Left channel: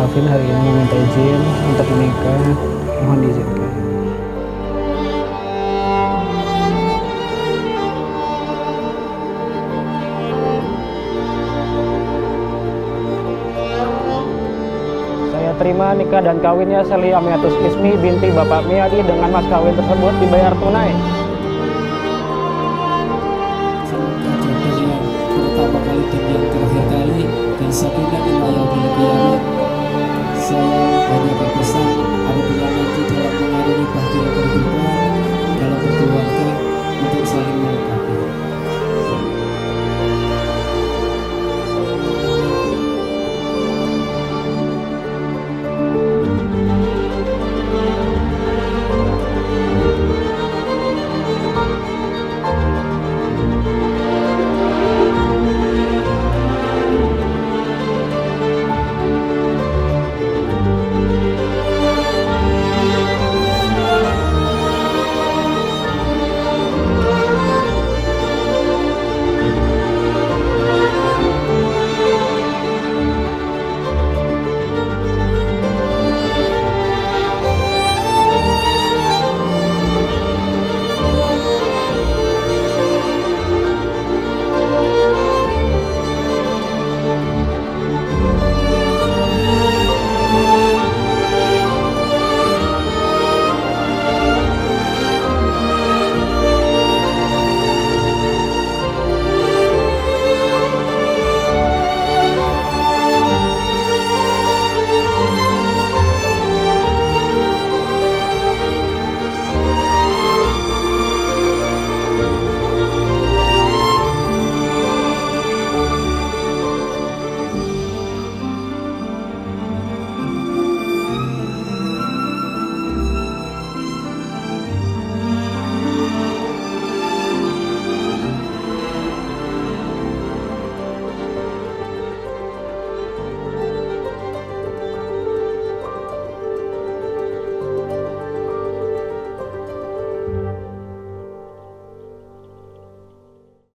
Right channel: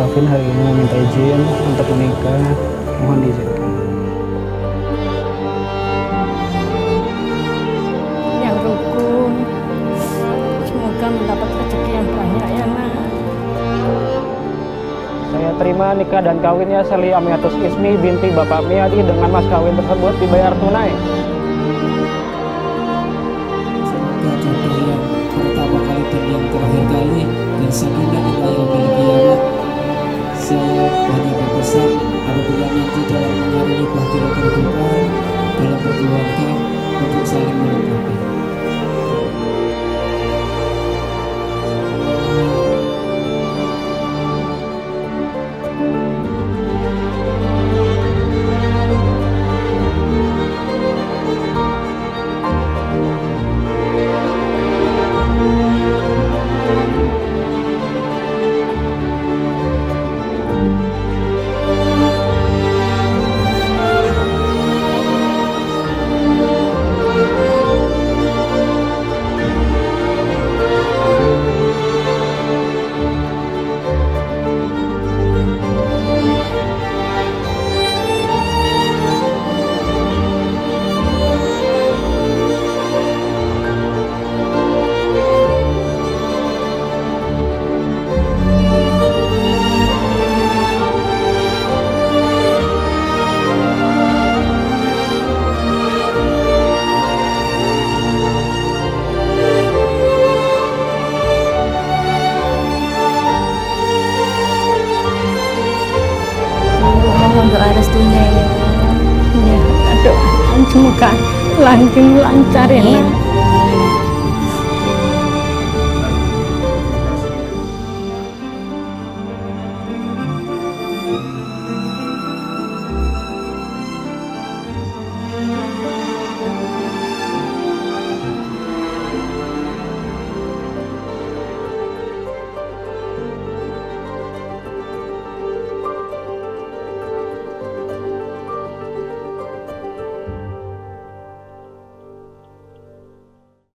Calvin hari ini meminta izin untuk menikah. Mohon diizinkan. Yang rukun, semoga mendapat rezeki yang banyak ya nak. Saya terima nikah dan kawinnya Seli Amiatus Ismi binti Bapak Miadi dengan mas kawin tersebut dibayar tunai. Semoga jodoh yang pertama kali dan yang terakhir kali dan sakinah ila yaumil qiyamah. Saya hanya berpesan apabila nanti dalam mengarungi bahtera kehidupan dalam berkeluarga untuk saling melengkapi. Mohon doa restunya ya. Semoga langgeng lancar ya nak.